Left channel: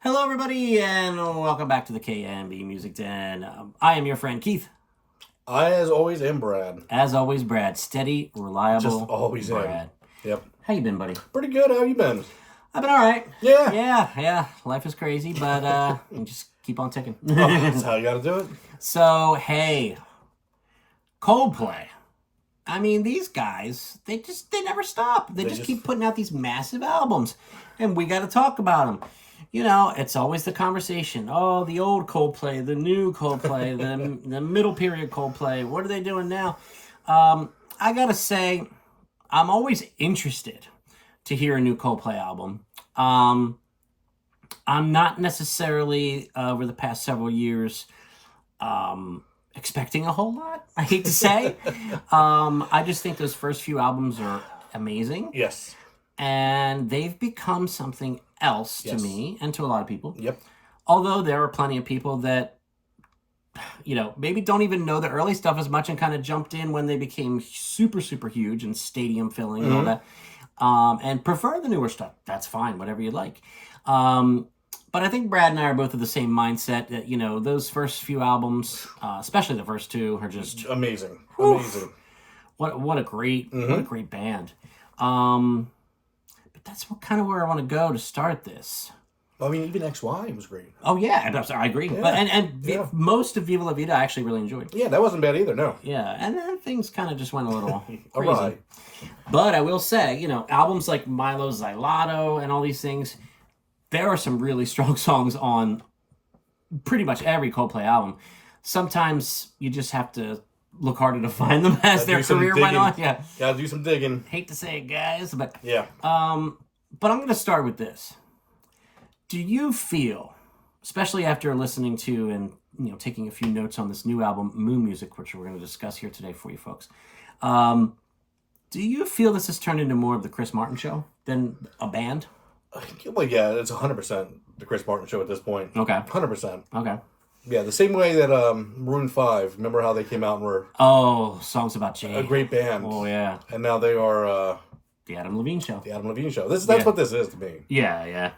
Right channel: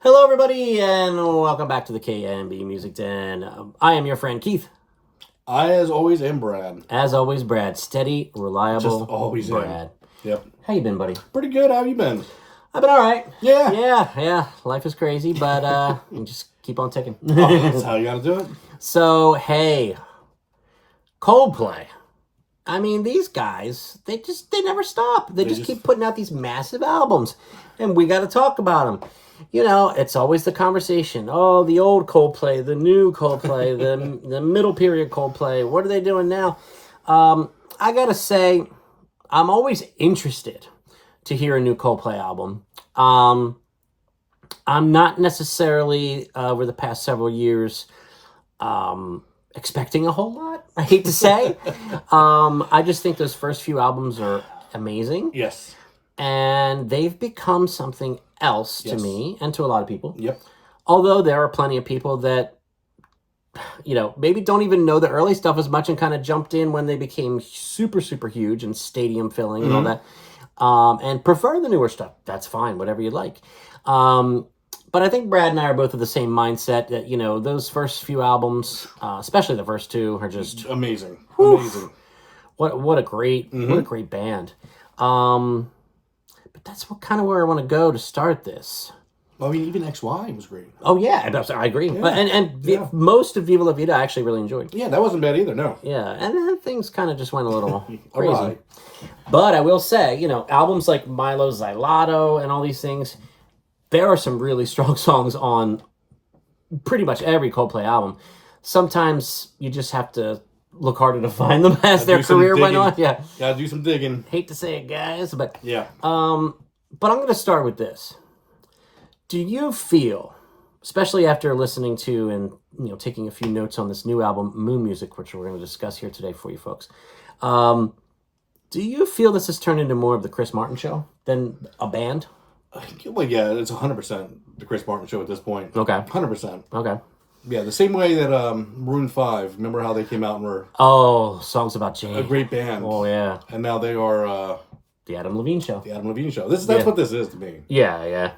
Hello, everybody, and welcome back to the KMB Music Den. I am your friend Keith. I, as always, am Brad. As always, Brad, steady, reliable. Just always Brad. Yep. How you been, buddy? Pretty good. How you been? I've been all right. Yeah. Yeah. Life is crazy, but you just keep on ticking. That's how you got to do it. So, hey, Coldplay. I mean, these guys, they never stop. They just keep putting out these massive albums, and we got to talk about them. You know, it's always the conversation. Oh, the old Coldplay, the new Coldplay, the middle period Coldplay. What are they doing now? I gotta say, I'm always interested to hear a new Coldplay album. I'm not necessarily over the past several years expecting a whole lot. I hate to say, I just think those first few albums are amazing. Yes. And they've become something else to me and to a lot of people. Yep. Although there are plenty of people that, you know, maybe don't even know the early stuff as much and kind of jumped in when they became super, super huge and stadium filling and all that. And prefer the newer stuff. That's fine, whatever you like. But I think Brad and I are both of the same mindset that, you know, those first few albums, especially the first two, are just amazing. Whew, amazing. What a great band. But that's kind of where I want to go to start this. I mean, even XY was great. Oh yeah, I agree. Yeah. But most of Viva La Vida I actually really enjoyed. Yeah, that wasn't bad either. No. Yeah, and then things kind of just went a little crazy. Right. But I will say, you know, albums like Milo Xyloto and all these things, there are some really strong songs on pretty much every Coldplay album. Sometimes you just have to look harder to find them as their career went on. Yeah, gotta do some digging. Hate to say it, guys, but yeah. But I'm going to start with this. Do you feel, especially after listening to and taking a few notes on this new album, Moon Music, which we're going to discuss here today for you folks, do you feel this has turned into more of the Chris Martin show than a band? Well, yeah, it's 100% the Chris Martin show at this point. Okay. 100%. Okay. Yeah, the same way that Maroon 5, remember how they came out and were... Oh, Songs About Jane. A great band. Oh, yeah. And now they are... the Adam Levine Show. The Adam Levine Show. That's what this is to me. Yeah.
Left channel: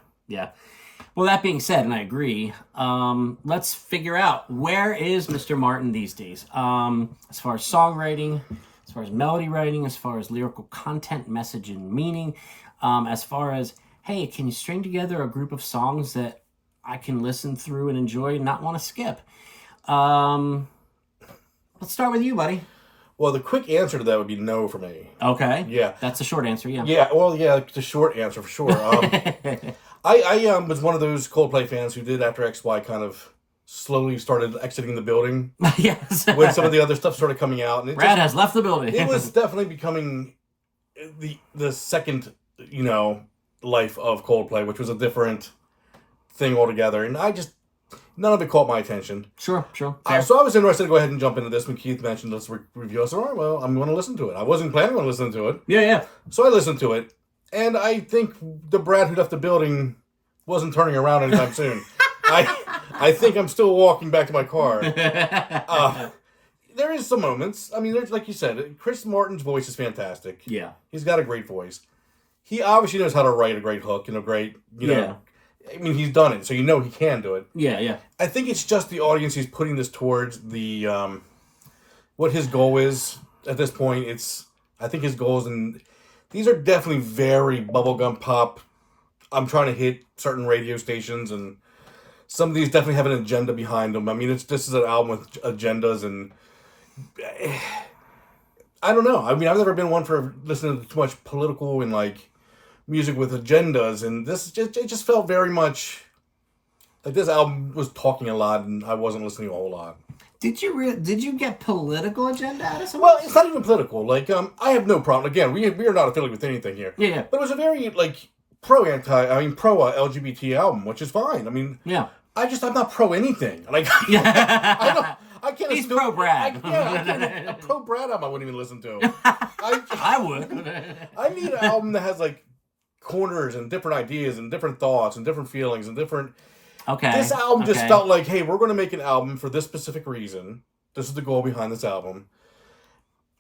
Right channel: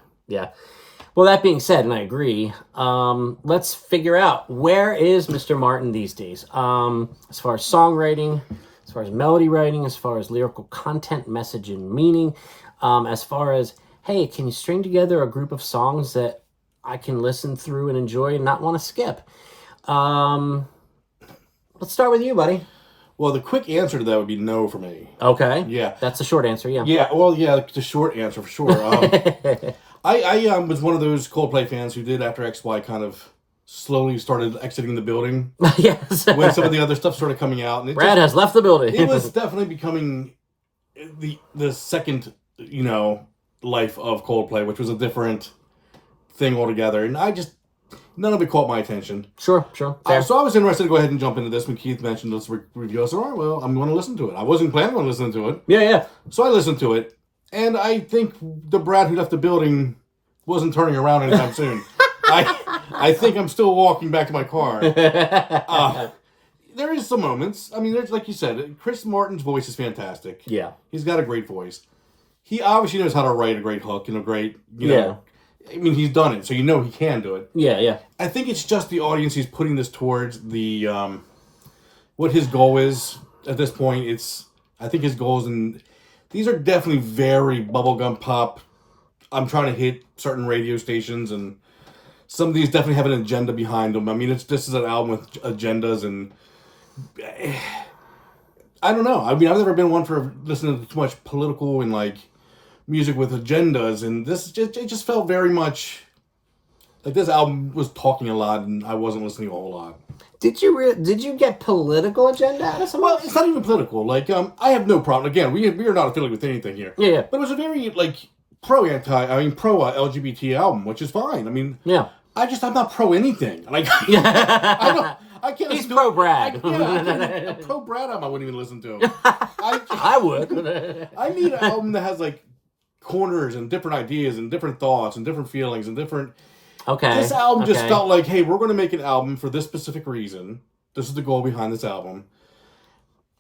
Well, that being said, and I agree, let's figure out, where is Mr. Martin these days? As far as songwriting, as far as melody writing, as far as lyrical content, message, and meaning, as far as, hey, can you string together a group of songs that I can listen through and enjoy and not want to skip? Let's start with you, buddy. Well, the quick answer to that would be no for me. Okay. Yeah. That's the short answer, yeah. Yeah, well, yeah, the short answer for sure. I was one of those Coldplay fans who did, after XY kind of slowly started exiting the building. Yes. When some of the other stuff started coming out. And Brad has left the building. It was definitely becoming the second, life of Coldplay, which was a different thing altogether. And none of it caught my attention. Sure. So I was interested to go ahead and jump into this when Keith mentioned let's review. I said, all right, well, I'm going to listen to it. I wasn't planning on listening to it. Yeah. So I listened to it. And I think the Brad who left the building wasn't turning around anytime soon. I think I'm still walking back to my car. There is some moments. I mean, there's, like you said, Chris Martin's voice is fantastic. Yeah. He's got a great voice. He obviously knows how to write a great hook and a great, know. I mean, he's done it, so he can do it. Yeah. I think it's just the audience he's putting this towards. The what his goal is at this point. I think his goals, and these are definitely very bubblegum pop. I'm trying to hit certain radio stations, and some of these definitely have an agenda behind them. I mean, this is an album with agendas, and I don't know. I mean, I've never been one for listening to too much political and music with agendas, and it just felt very much like this album was talking a lot, and I wasn't listening a whole lot. Did you get political agenda out of some? Well, it's not even political. I have no problem. Again, we are not affiliated with anything here. Yeah. But it was a very pro LGBT album, which is fine. I mean, yeah. I'm not pro anything. I can't. He's pro Brad. A pro Brad album I wouldn't even listen to. I would. I need an album that has corners and different ideas and different thoughts and different feelings and different. Okay. This album just felt like, hey, we're going to make an album for this specific reason. This is the goal behind this album.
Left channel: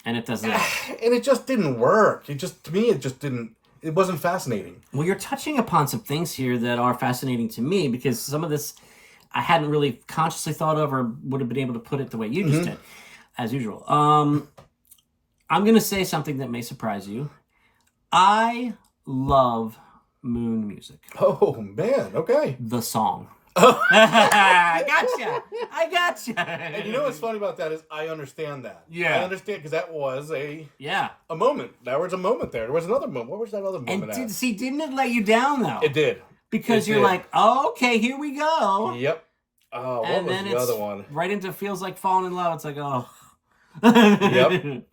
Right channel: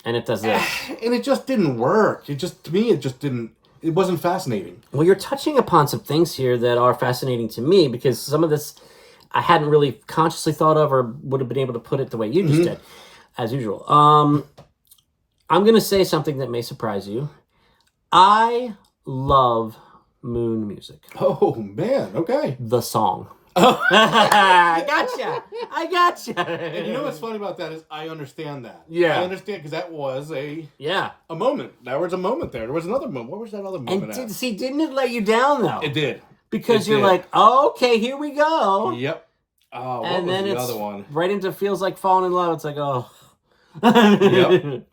And it does this. And it just didn't work. To me, it just didn't. it wasn't fascinating. Well, you're touching upon some things here that are fascinating to me because some of this I hadn't really consciously thought of or would have been able to put it the way you just did, as usual. I'm going to say something that may surprise you. I love Moon music. Oh, man. Okay. The song. I gotcha. And you know what's funny about that is I understand that. Yeah. I understand because that was a moment. There was a moment there. There was another moment. What was that other moment And didn't it let you down, though? It did. Because you're like, oh, okay, here we go. Yep. Oh, what was the other one? Right into Feels Like Falling in Love. It's like, oh. Yep.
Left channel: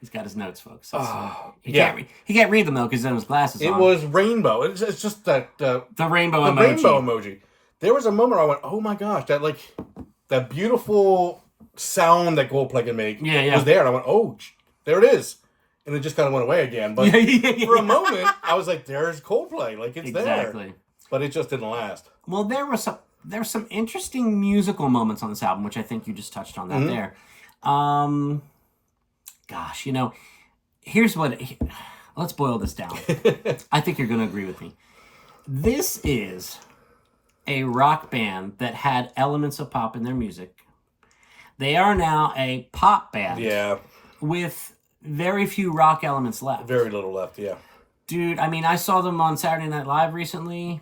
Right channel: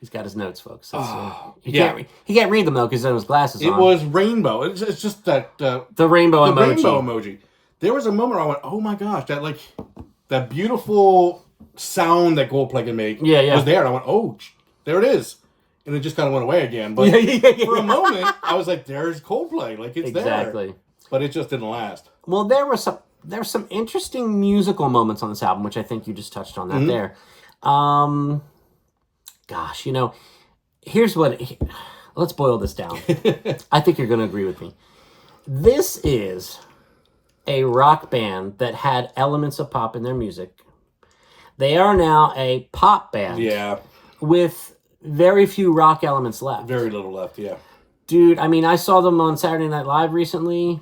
He's got his notes, folks. He can't read them, though, because he has his glasses on. It was rainbow. It's just that... the rainbow emoji. The rainbow emoji. There was a moment I went, oh my gosh, that beautiful sound that Coldplay can make was there. And I went, oh, there it is. And it just kind of went away again. But for a moment, I was like, there's Coldplay. Like, it's there. But it just didn't last. Well, there's some interesting musical moments on this album, which I think you just touched on that there. Gosh, here's what... Let's boil this down. I think you're going to agree with me. This is a rock band that had elements of pop in their music. They are now a pop band. Yeah. With very few rock elements left. Very little left, yeah. Dude, I mean, I saw them on Saturday Night Live recently.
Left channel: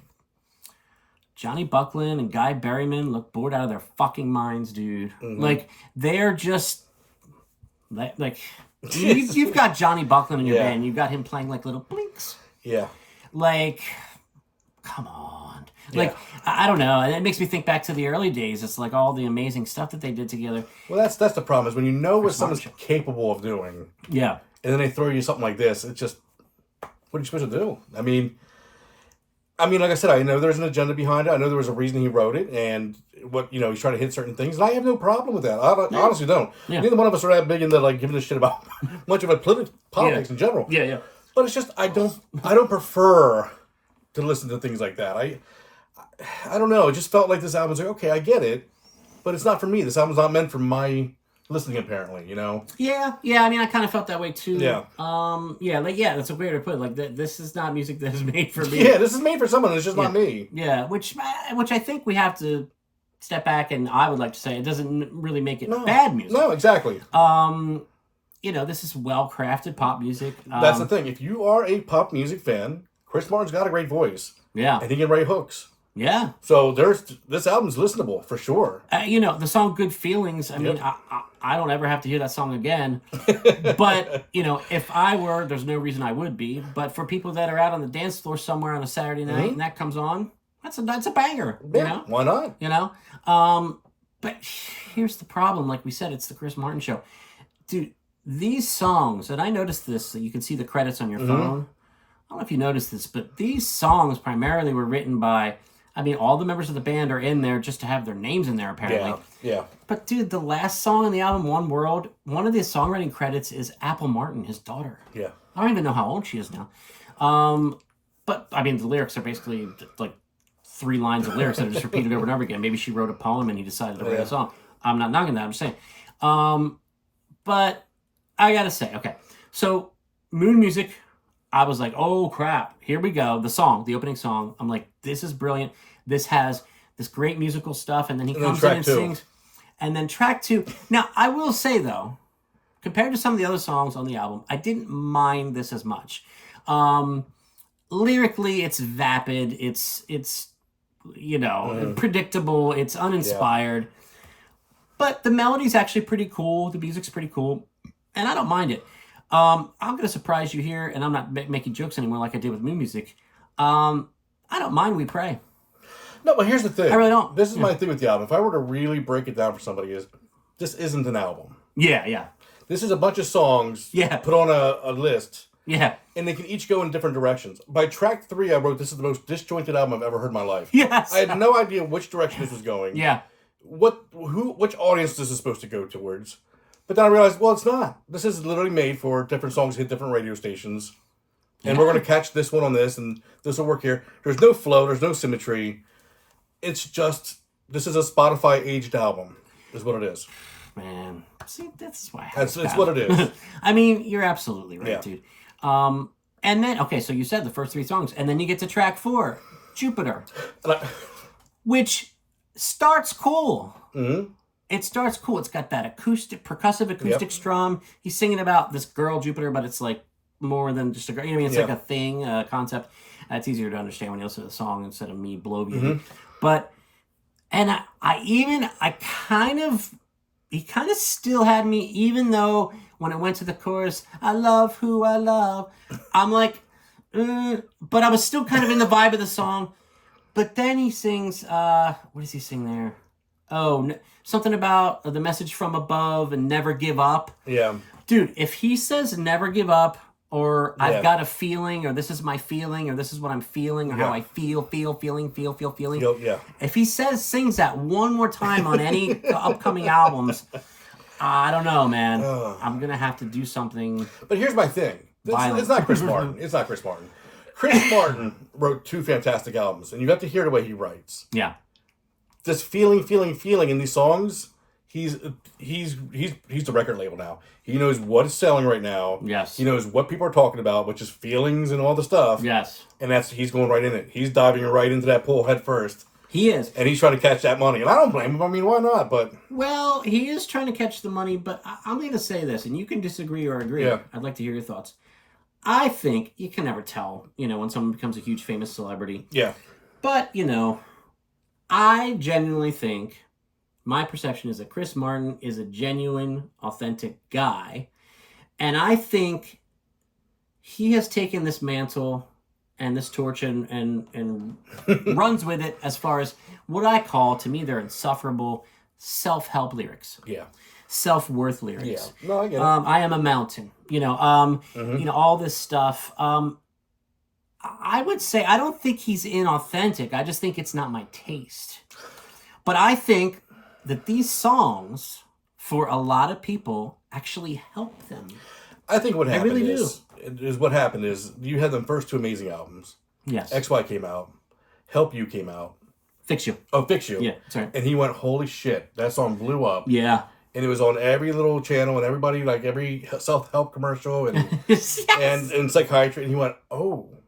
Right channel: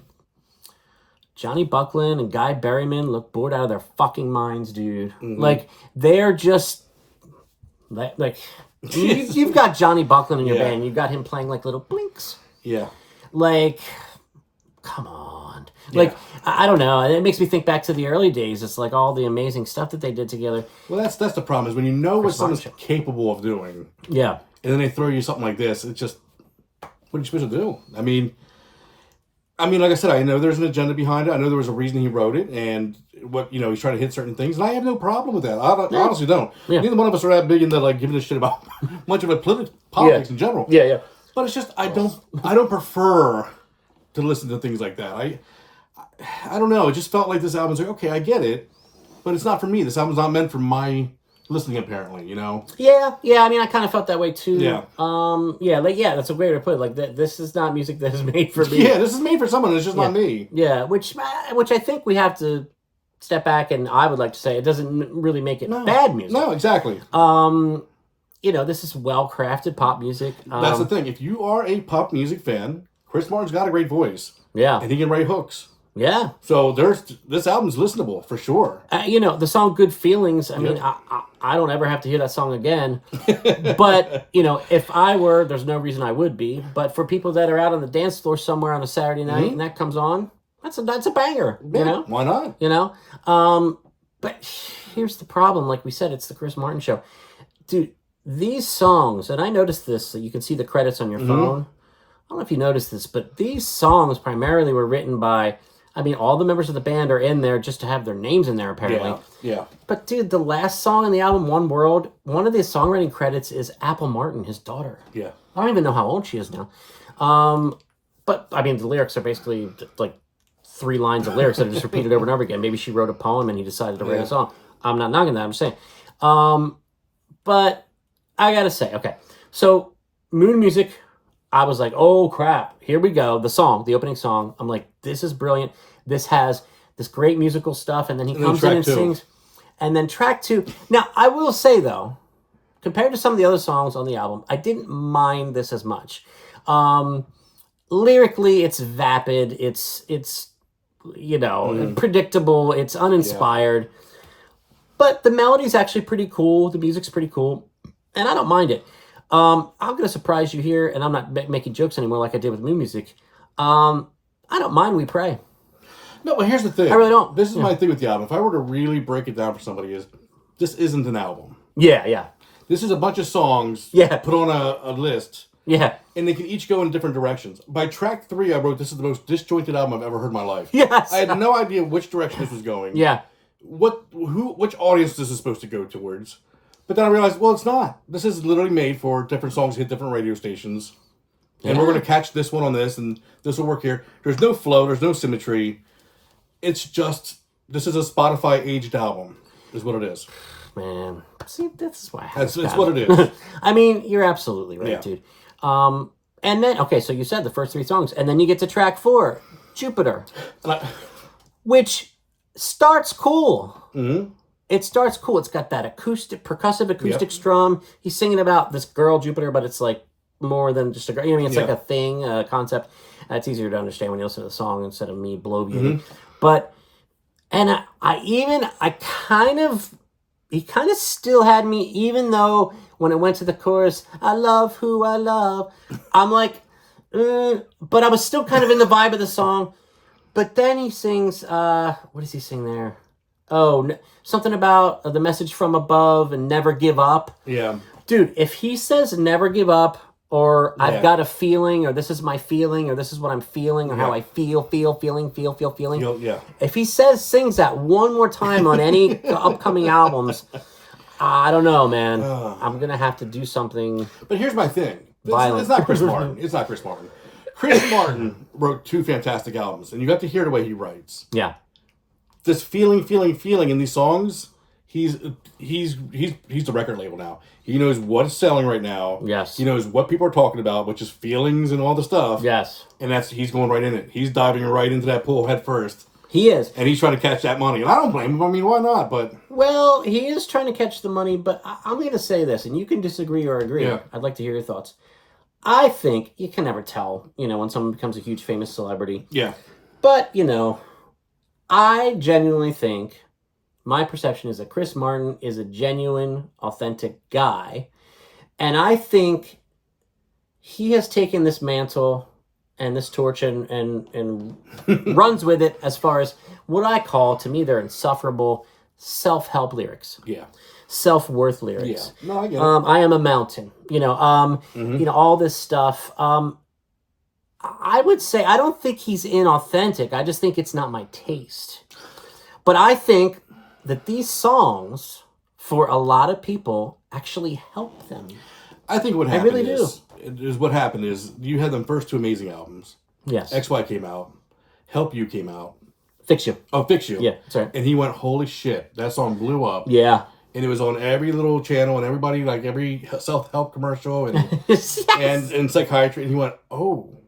Johnny Buckland and Guy Berryman look bored out of their fucking minds, dude. Like, they're just... Like you've got Johnny Buckland in your band. You've got him playing like little blinks. Yeah. Like, come on. Like, I don't know. And it makes me think back to the early days. It's like all the amazing stuff that they did together. Well, that's the problem is when you know what someone's capable of doing. Yeah. And then they throw you something like this. It's just, what are you supposed to do? I mean, like I said, I know there's an agenda behind it. I know there was a reason he wrote it, and he's trying to hit certain things, and I have no problem with that. I honestly don't. Yeah. Neither one of us are that big into giving a shit about much of a politics in general. Yeah, yeah. But it's just I don't prefer to listen to things like that. I don't know. It just felt like this album's like, okay, I get it, but it's not for me. This album's not meant for my listening, apparently, Yeah. I mean, I kind of felt that way too. Yeah. That's a great way to put it. Like, this is not music that is made for me. Yeah, this is made for someone. It's just not me. Yeah, which I think we have to step back, and I would like to say it doesn't really make it bad music. No, exactly. This is well-crafted pop music. That's the thing. If you are a pop music fan, Chris Martin's got a great voice. Yeah. And he can write hooks. Yeah. So this album's listenable for sure. The song "Good Feelings." I mean, I don't ever have to hear that song again. But if I were, there's no reason I would be. But for people that are out on the dance floor somewhere on a Saturday night and that comes on, that's a banger. Yeah, why not? But here's the problem. Like we said, it's the Chris Martin show, dude. These songs, and I noticed this. So you can see the credits on your phone. I don't know if you noticed this, but these songs primarily were written by. I mean, all the members of the band are in there just to have their names in there, apparently. Yeah. But, dude, the last song in the album, One World, one of the songwriting credits is Apple Martin, his daughter. Yeah. I don't even know how old she is now. But, I mean, the lyrics are basically, like, 3 lines of lyrics that are just repeated over and over again. Maybe she wrote a poem and he decided to write a song. I'm not knocking that. I'm just saying. But I got to say, okay. So, Moon Music... I was like, oh, crap. Here we go. The opening song. I'm like, this is brilliant. This has this great musical stuff. And then he comes in and sings. And then track 2. Now, I will say, though, compared to some of the other songs on the album, I didn't mind this as much. Lyrically, it's vapid. It's predictable. It's uninspired. Yeah. But the melody's actually pretty cool. The music's pretty cool. And I don't mind it. I'm going to surprise you here, and I'm not making jokes anymore like I did with Moon Music. I don't mind We Pray. No, but here's the thing. I really don't. This is my thing with the album. If I were to really break it down for somebody, this isn't an album. Yeah. This is a bunch of songs put on a list. Yeah. And they can each go in different directions. By track 3, I wrote, this is the most disjointed album I've ever heard in my life. Yes. I had no idea which direction this was going. Yeah. Which audience this is supposed to go towards. But then I realized, well, it's not. This is literally made for different songs hit different radio stations. And we're going to catch this one on this, and this will work here. There's no flow. There's no symmetry. It's just, this is a Spotify-aged album, is what it is. Man. See, that's why it's what it is. I mean, you're absolutely right, dude. And then, okay, so you said the first 3 songs, and then you get to track 4, Jupiter, which starts cool. Mm-hmm. It starts cool. It's got that percussive acoustic strum. He's singing about this girl, Jupiter, but it's like more than just a girl. You know what I mean? It's like a thing, a concept. It's easier to understand when you listen to the song instead of me bloviating. But, and he kind of still had me, even though when it went to the chorus, I love who I love, I'm like, but I was still kind of in the vibe of the song. But then he sings, what does he sing there? Oh, something about the message from above and never give up. Yeah. Dude, if he says never give up, or I've got a feeling, or this is my feeling, or this is what I'm feeling, or how I feel. Yeah. If he sings that one more time on any upcoming albums, I don't know, man. I'm going to have to do something. But here's my thing. Violent. It's not Chris Martin. Chris Martin wrote 2 fantastic albums, and you got to hear the way he writes. Yeah. This feeling in these songs, he's the record label now. He knows what's selling right now. Yes. He knows what people are talking about, which is feelings and all the stuff. Yes. And he's going right in it. He's diving right into that pool head first. He is. And he's trying to catch that money. And I don't blame him. I mean, why not? But well, he is trying to catch the money, but I'm going to say this, and you can disagree or agree. Yeah. I'd like to hear your thoughts. I think you can never tell, when someone becomes a huge famous celebrity. Yeah. But, I genuinely think my perception is that Chris Martin is a genuine, authentic guy. And I think he has taken this mantle and this torch and runs with it as far as what I call, to me, they're insufferable self-help lyrics. Yeah. Self-worth lyrics. Yeah. No, I get it. I am a mountain. All this stuff. I would say I don't think he's inauthentic. I just think it's not my taste. But I think that these songs, for a lot of people, actually help them. I think what happened what happened is you had them first 2 amazing albums. Yes. XY came out. Help You came out. Fix You. Oh, Fix You. Yeah, sorry. And he went, holy shit, that song blew up. Yeah. And it was on every little channel and everybody, like every self-help commercial and Yes. and psychiatry. And he went, oh,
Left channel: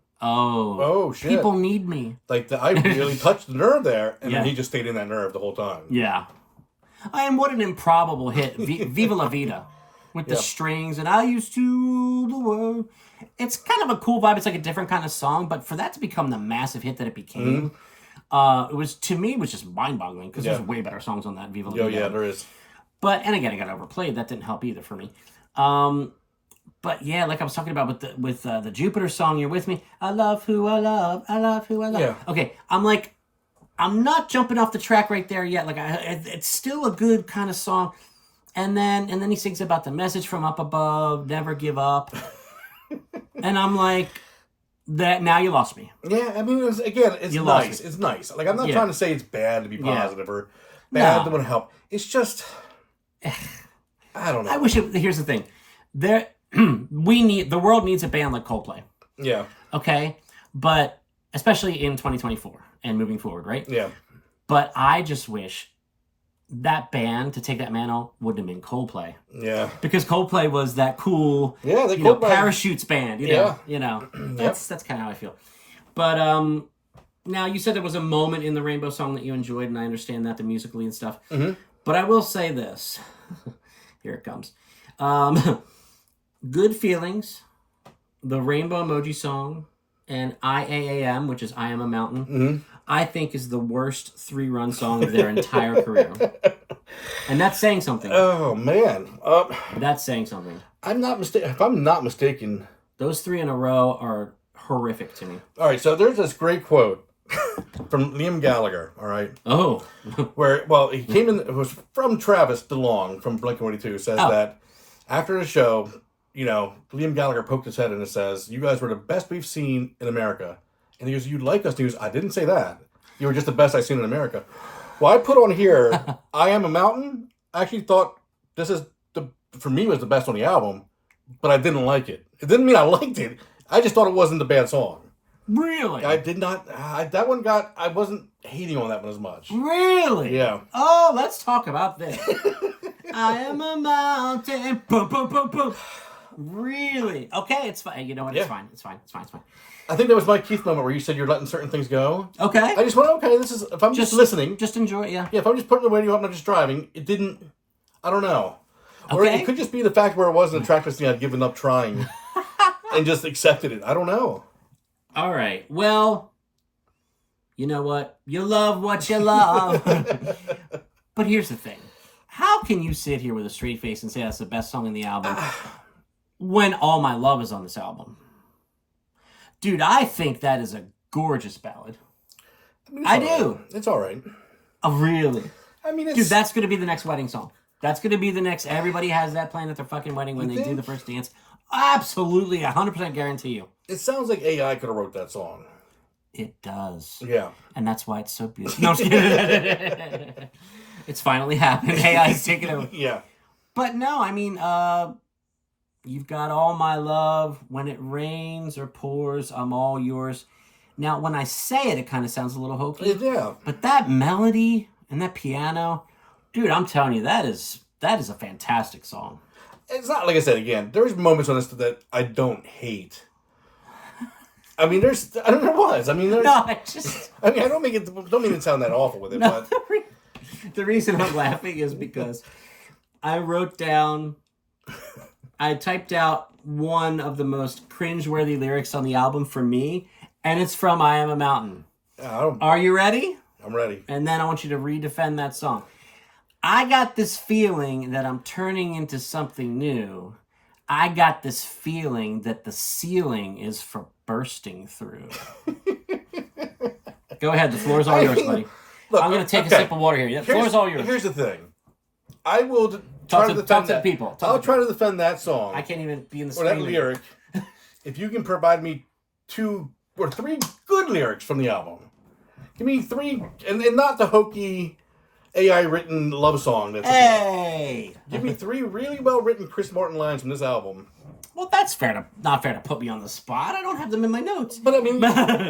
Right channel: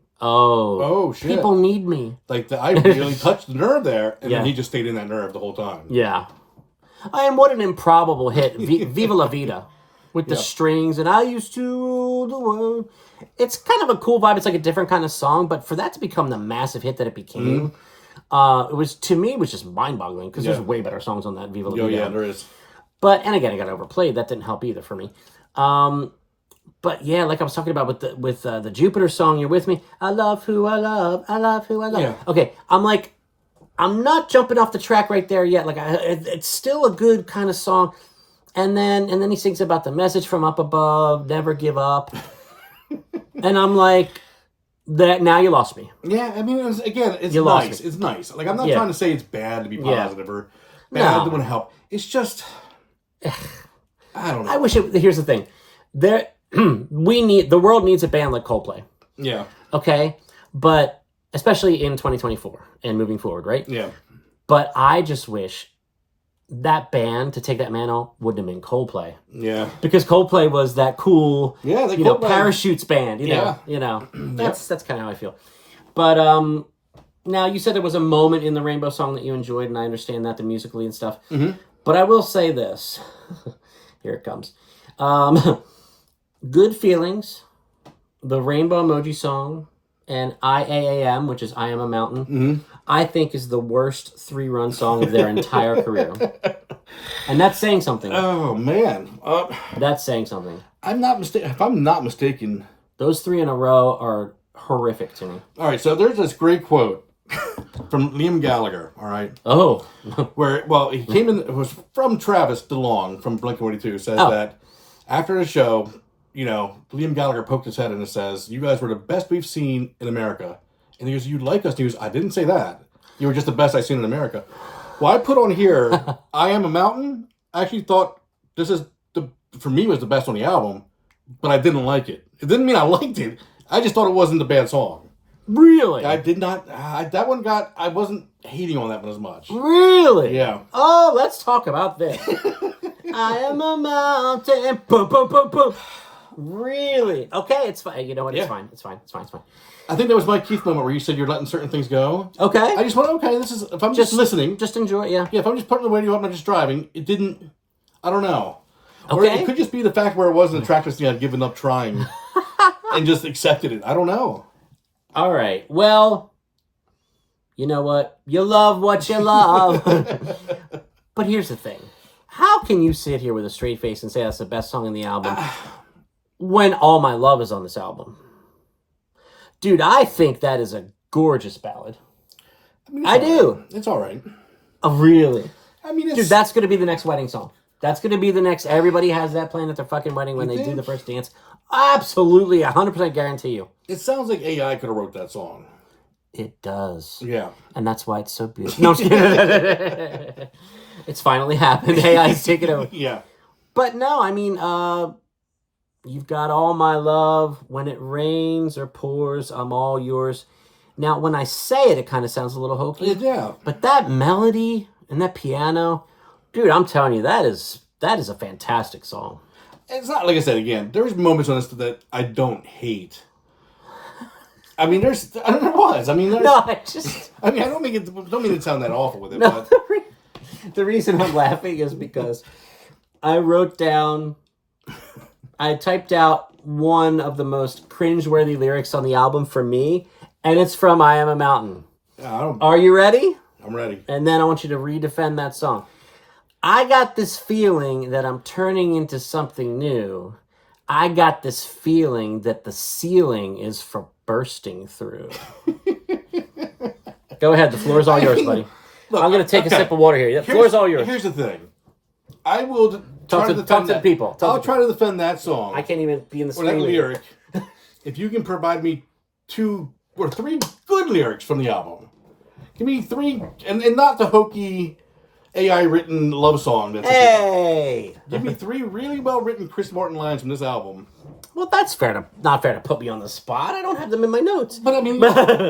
shit. People need me. Like, I really touched the nerve there. And then he just stayed in that nerve the whole time. Yeah. And what an improbable hit. Viva La Vida. With the strings. And I used to rule the world. It's kind of a cool vibe. It's like a different kind of song. But for that to become the massive hit that it became, it was just mind-boggling. Because there's way better songs on that Viva La Vida. Oh, yeah, there is. But, and again, it got overplayed. That didn't help either for me. But yeah, like I was talking about with the Jupiter song, You're With Me. I love who I love. I love who I love. Yeah. Okay, I'm not jumping off the track right there yet. Like it's still a good kind of song. And then he sings about the message from up above, never give up. And I'm like, that now you lost me. Yeah, I mean, it's nice. It's nice. Like, I'm not trying to say it's bad to be positive or bad to want to help. It's just, I don't know. Here's the thing. The world needs a band like Coldplay. Yeah. Okay? But especially in 2024 and moving forward, right? Yeah. But I just wish that band, to take that mantle, wouldn't have been Coldplay. Yeah. Because Coldplay was that cool, parachutes band, That's kind of how I feel. But now you said there was a moment in the Rainbow song that you enjoyed, and I understand that, the musically and stuff. Mm-hmm. But I will say this. Here it comes. Good Feelings, the Rainbow Emoji song, and IAAM, which is I Am a Mountain, I think is the worst 3-run song of their entire career. And that's saying something. Oh, man. That's saying something. If I'm not mistaken, those 3 in a row are horrific to me. All right, so there's this great quote from Liam Gallagher, all right? Oh. Where, he came in, it was from Travis DeLong from Blink-182, says that after the show, Liam Gallagher poked his head in and says, you guys were the best we've seen in America. And he goes, you like us? And he goes, I didn't say that. You were just the best I've seen in America. Well, I put on here, I Am a Mountain. I actually thought for me, was the best on the album, but I didn't like it. It didn't mean I liked it. I just thought it wasn't a bad song. Really? I did not, I wasn't hating on that one as much. Really? Yeah. Oh, let's talk about this. I am a mountain. Boom, boom, boom, boom. Really? Okay, it's fine. You know what? It's Yeah. fine. It's fine. It's fine. It's fine. I think that was Mike Keith moment where you said you're letting certain things go. Okay. I just went, okay, this is, if I'm just listening. Just enjoy it, yeah. Yeah, if I'm just putting the radio up and I'm just driving, it didn't, I don't know. Okay. Or it could just be the fact where it wasn't a track listing I'd given up trying and just accepted it. I don't know. All right. Well, you know what? You love what you love. But here's the thing. How can you sit here with a straight face and say that's the best song in the album when All My Love is on this album? Dude, I think that is a gorgeous ballad. I do. It's all right. Oh, really? I mean, it's... Dude, that's going to be the next wedding song. That's going to be the next... Everybody has that playing at their fucking wedding when they do the first dance. Absolutely, 100% guarantee you. It sounds like AI could have wrote that song. It does. Yeah. And that's why it's so beautiful. No, I'm just kidding. It's finally happened. AI's taken over. Yeah. But no, I mean, you've got All My Love. When it rains or pours, I'm all yours. Now, when I say it, it kind of sounds a little hokey. Yeah. But that melody and that piano, dude, I'm telling you, that is a fantastic song. It's not, like I said, again, there's moments on this that I don't hate. I mean, I don't know what. I mean, I don't mean to sound that awful with it, no, but... The reason I'm laughing is because I typed out one of the most cringeworthy lyrics on the album for me, and it's from I Am a Mountain. Are you ready? I'm ready. And then I want you to redefend that song. I got this feeling that I'm turning into something new. I got this feeling that the ceiling is for bursting through. Go ahead. The floor is all yours, buddy. Look, I'm going to take a sip of water here. The floor is all yours. Here's the thing. I will try to defend that. People. I'll try to defend that song. I can't even be in the or that lyric. If you can provide me 2 or 3 good lyrics from the album. Give me 3, and not the hokey AI-written love song. Hey! Give me 3 really well-written Chris Martin lines from this album. Well, that's not fair to put me on the spot. I don't have them in my notes. But I mean,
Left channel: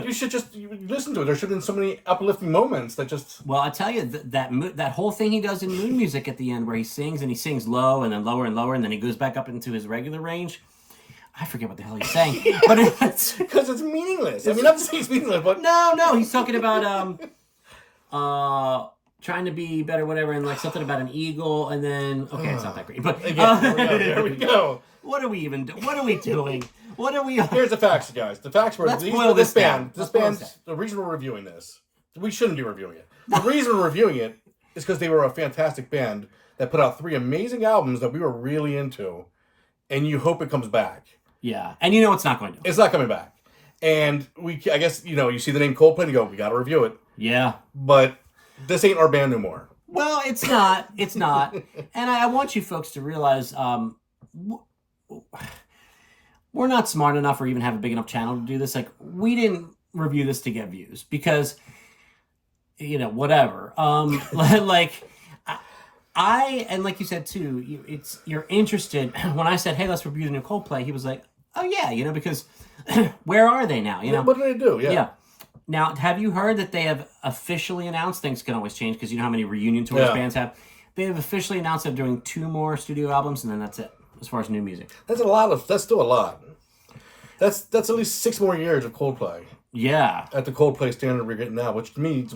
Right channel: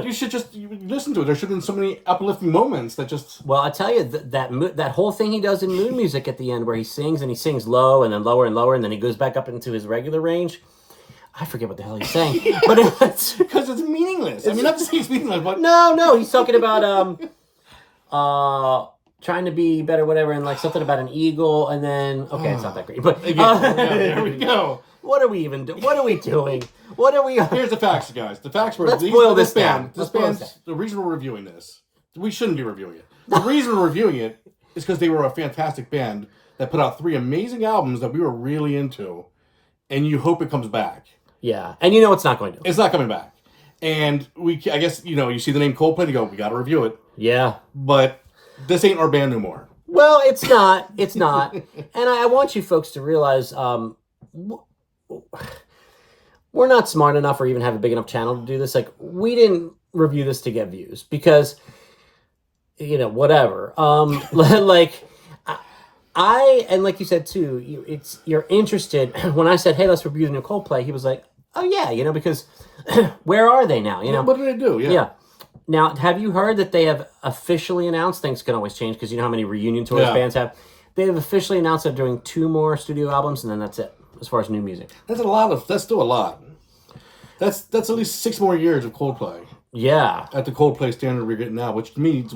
you should just listen to it. There should have been so many uplifting moments that just... Well, I tell you, that whole thing he does in Moon Music at the end where he sings low and then lower and lower, and then he goes back up into his regular range. I forget what the hell he's saying. But it's... Because it's meaningless. I mean, not to say it's meaningless, but... No, he's talking about... trying to be better, whatever, and like something about an eagle, and then... Okay, it's not that great, but... Again, there we go. What are we even doing? What are we doing? What are we... Here's the facts, guys. The facts were... This band, the reason we're reviewing this, we shouldn't be reviewing it. The reason we're reviewing it is because they were a fantastic band that put out 3 amazing albums that we were really into, and you hope it comes back. Yeah, and you know it's not going to. It's not coming back. And I guess, you see the name Coldplay and you go, we got to review it. Yeah. But this ain't our band no more. Well, it's not. It's not. And I want you folks to realize we're not smart enough or even have a big enough channel to do this. Like, we didn't review this to get views because, whatever. Like, and like you said too, you're interested. When I said, hey, let's review the new Coldplay, he was like, oh yeah, because where are they now? What do they do? Yeah. Now, have you heard that they have officially announced, things can always change because you know how many reunion tours bands have? They have officially announced they're doing 2 more studio albums and then that's it, as far as new music. That's still a lot. That's at least 6 more years of Coldplay. Yeah. At the Coldplay standard we're getting now, which to me is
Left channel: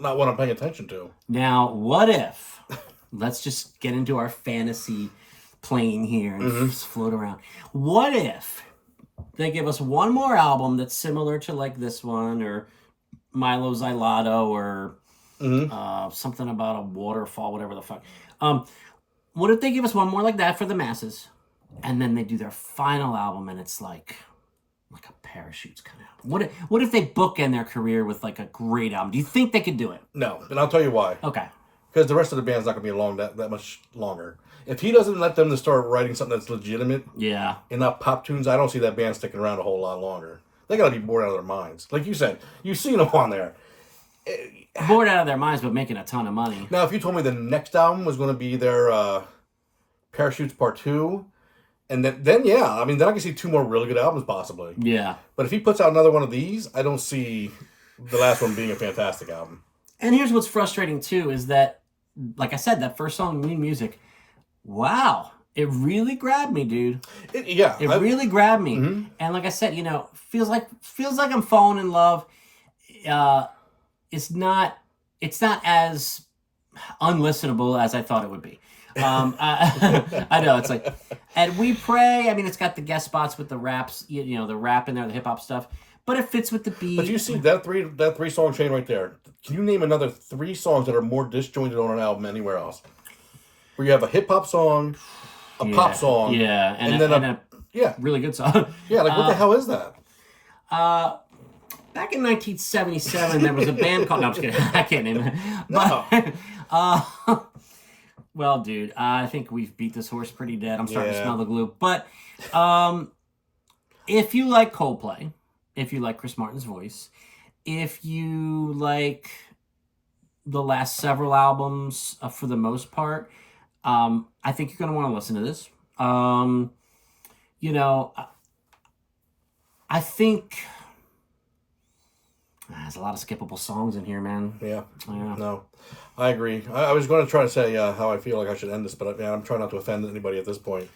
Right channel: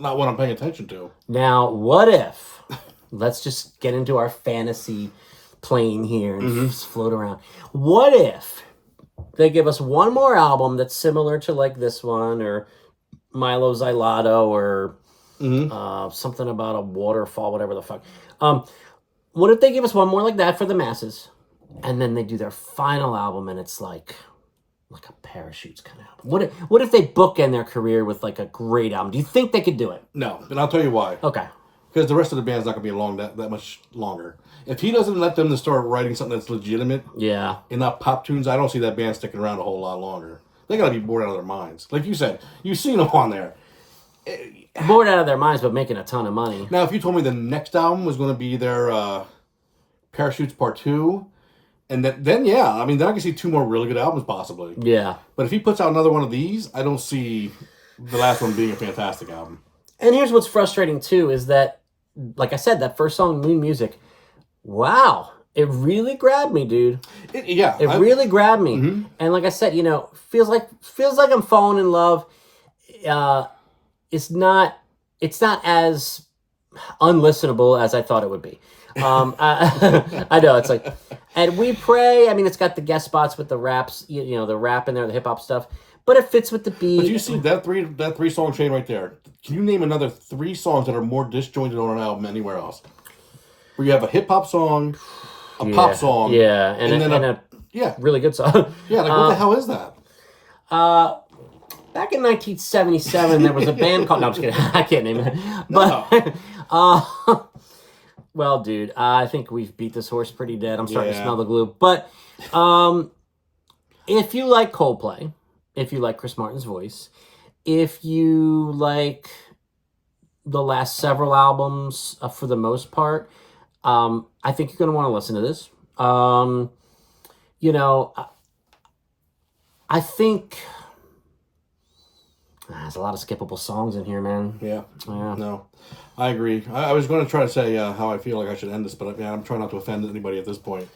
not what I'm paying attention to. Now, what if, let's just get into our fantasy plane here and float around. What if they give us 1 more album that's similar to like this one or Milo Xyloto or something about a waterfall, whatever the fuck. What if they give us 1 more like that for the masses and then they do their final album and it's like a Parachutes kind of album? What if they bookend their career with like a great album? Do you think they could do it? No, and I'll tell you why. Okay. Because the rest of the band's not going to be along that much longer. If he doesn't let them to start writing something that's legitimate, and not pop tunes, I don't see that band sticking around a whole lot longer. They got to be bored out of their minds. Like you said, you've seen them on there. Bored out of their minds, but making a ton of money. Now, if you told me the next album was going to be their Parachutes Part 2, and then I can see 2 more really good albums possibly. Yeah. But if he puts out another one of these, I don't see the last one being a fantastic album. And here's what's frustrating too, is that, like I said, that first song, Moon Music, wow, It really grabbed me, dude. It Really grabbed me. And like I said, feels like I'm falling in love. It's not as unlistenable as I thought it would be. I know it's like, and We Pray. I mean, it's got the guest spots with the raps, the rap in there, the hip hop stuff, but it fits with the beat. But you see that three song chain right there. Can you name another 3 songs that are more disjointed on an album anywhere else? Where you have a hip hop song, a pop song, and then a really good song. Yeah, like what the hell is that? Back in 1977, there was a band called. No, I'm just kidding. I can't name it. But, well, dude, I think we've beat this horse pretty dead. I'm starting to smell the glue. But if you like Coldplay, if you like Chris Martin's voice, if you like the last several albums for the most part, I think you're going to want to listen to this. I think there's a lot of skippable songs in here, man. Yeah. No, I agree. I was going to try to say how I feel like I should end this, but I'm trying not to offend anybody at this point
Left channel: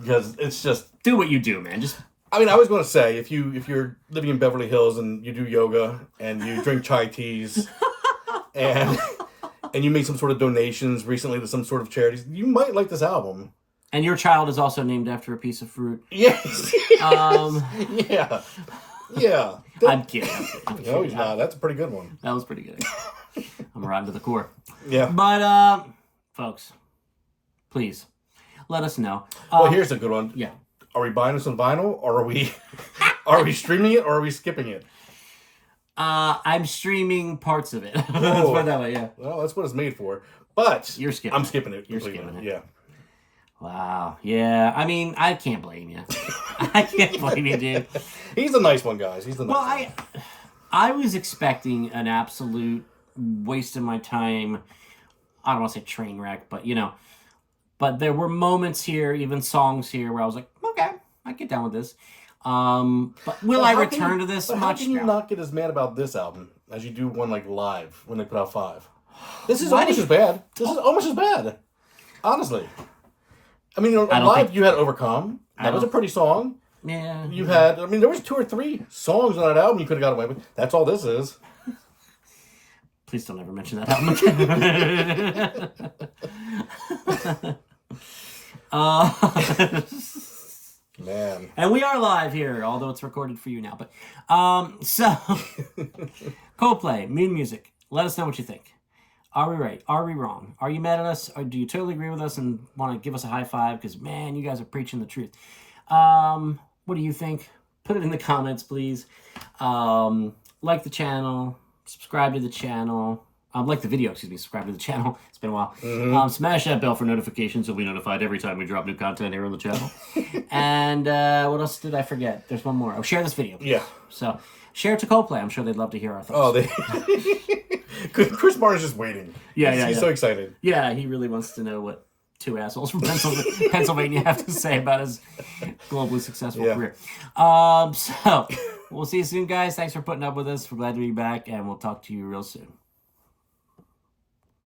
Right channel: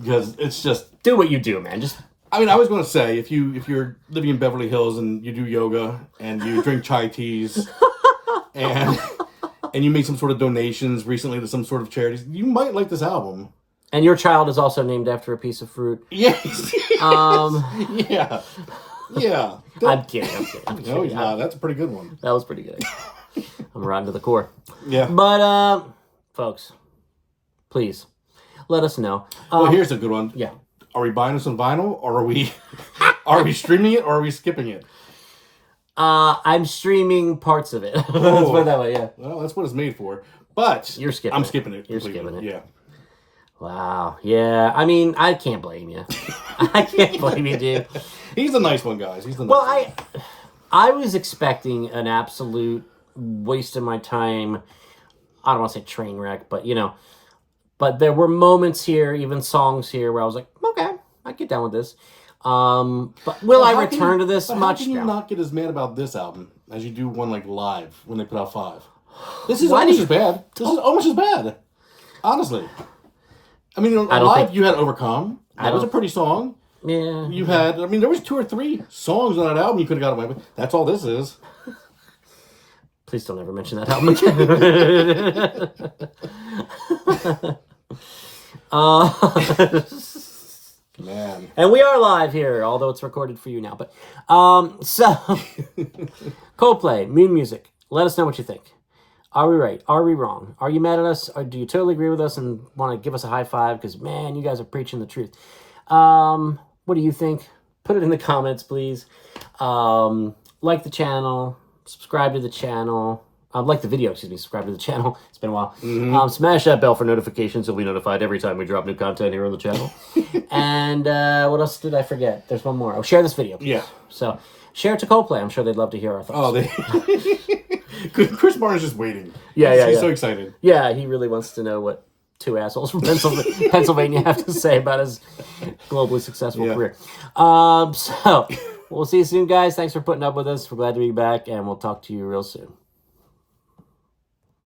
because it's just do what you do, man. I was going to say if you're living in Beverly Hills and you do yoga and you drink chai teas and you make some sort of donations recently to some sort of charities, you might like this album. And your child is also named after a piece of fruit. Yes. Yeah. I'm kidding. No, he's not. That's a pretty good one. That was pretty good. I'm rotten to the core. Yeah. But, folks, please, let us know. Well, here's a good one. Yeah. Are we buying this on vinyl, or are we streaming it, or are we skipping it? I'm streaming parts of it. Let's put it that way, yeah. Well, that's what it's made for. But you're skipping. I'm skipping it. You're skipping it. Yeah. Wow. Yeah. I mean, I can't blame you. I can't blame you, dude. He's a nice one, guys. He's the nice one. I was expecting an absolute waste of my time. I don't want to say train wreck, but but there were moments here, even songs here, where I was like, okay, I get down with this. But will I return to this much? How can you not get as mad about this album as you do one like live when they put out 5? This is almost as bad. This is almost as bad. Honestly. I mean, live you had Overcome. That was a pretty song. Yeah. You had, there was 2 or 3 songs on that album you could have got away with. That's all this is. Please don't ever mention that album again. Man. And we are live here, although it's recorded for you now. But so Coldplay, Moon Music. Let us know what you think. Are we right? Are we wrong? Are you mad at us? Or do you totally agree with us and want to give us a high five? Because, man, you guys are preaching the truth. What do you think? Put it in the comments, please. Like the channel. Subscribe to the channel. Like the video, subscribe to the channel. It's been a while. Mm-hmm. Smash that bell for notifications so we'll be notified every time we drop new content here on the channel. And what else did I forget? There's one more. Oh, share this video. Yeah. So, share it to Coldplay. I'm sure they'd love to hear our thoughts. Chris Martin's just waiting. He's so excited. Yeah, he really wants to know what 2 assholes from Pennsylvania have to say about his globally successful career. So, we'll see you soon, guys. Thanks for putting up with us. We're glad to be back, and we'll talk to you real soon.